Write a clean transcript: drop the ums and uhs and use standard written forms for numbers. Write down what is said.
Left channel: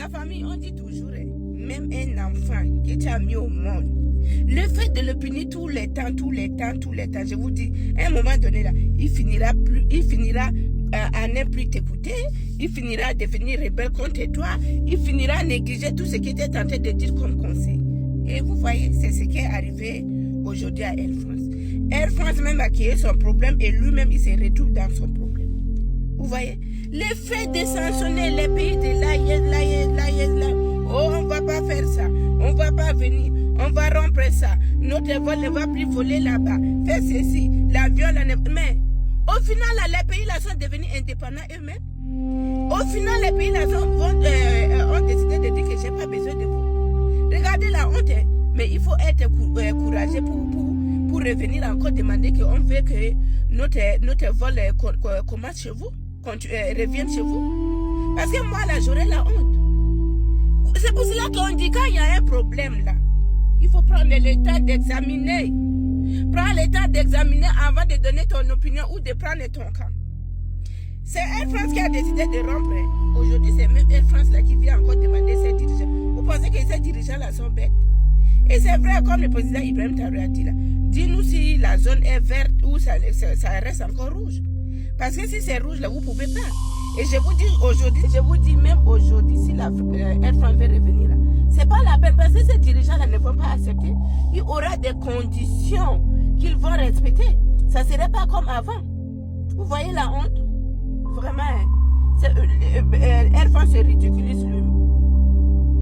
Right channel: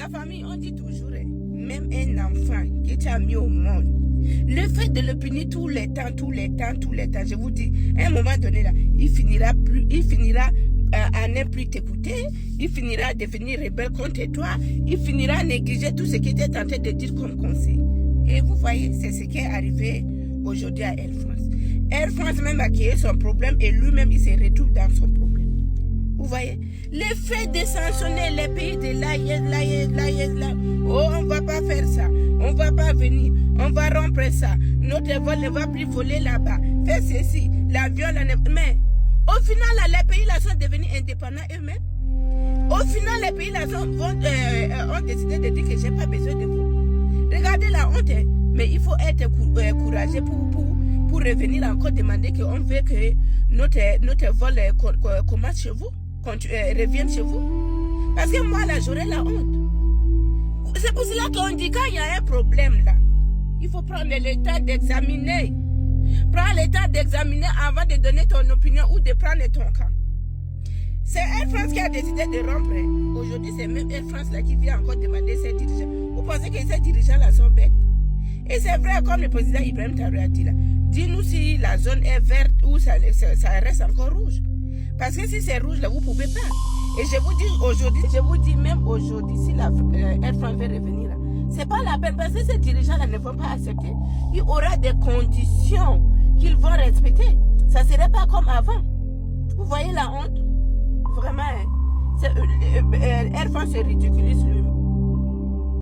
La famille, on dit toujours, même un enfant que tu as mis au monde, le fait de le punir tous les temps, je vous dis, à un moment donné, là, il finira à ne plus t'écouter, il finira à devenir rebelle contre toi, il finira à négliger tout ce qu'il était tenté de dire comme conseil. Et vous voyez, c'est ce qui est arrivé aujourd'hui à Air France. Air France même a créé son problème et lui-même, il se retrouve dans son problème. Vous voyez, le fait de sanctionner les pays de là, oh, on ne va pas faire ça, on ne va pas venir, on va rompre ça, notre vol ne va plus voler là-bas, fais ceci, l'avion, mais au final, là, les pays là sont devenus indépendants eux-mêmes. Au final, les pays là ont décidé de dire que je n'ai pas besoin de vous. Regardez la honte, mais il faut être courageux pour revenir encore demander qu'on veut que notre vol commence chez vous. Reviennent chez vous. Parce que moi, là, j'aurais la honte. C'est pour cela qu'on dit quand il y a un problème, là, il faut prendre le temps d'examiner. Prends le temps d'examiner avant de donner ton opinion ou de prendre ton camp. C'est Air France qui a décidé de rompre. Aujourd'hui, c'est même Air France là qui vient encore demander ses dirigeants. Vous pensez que ces dirigeants-là sont bêtes? Et c'est vrai, comme le président Ibrahim Traoré a dit là, dis-nous si la zone est verte ou ça reste encore rouge. Parce que si c'est rouge, là, vous ne pouvez pas. Et je vous dis même aujourd'hui, si la Air France veut revenir là, ce n'est pas la peine parce que ces dirigeants-là ne vont pas accepter. Il y aura des conditions qu'ils vont respecter. Ça ne serait pas comme avant. Vous voyez la honte? Vraiment, Air France se ridiculise lui-même.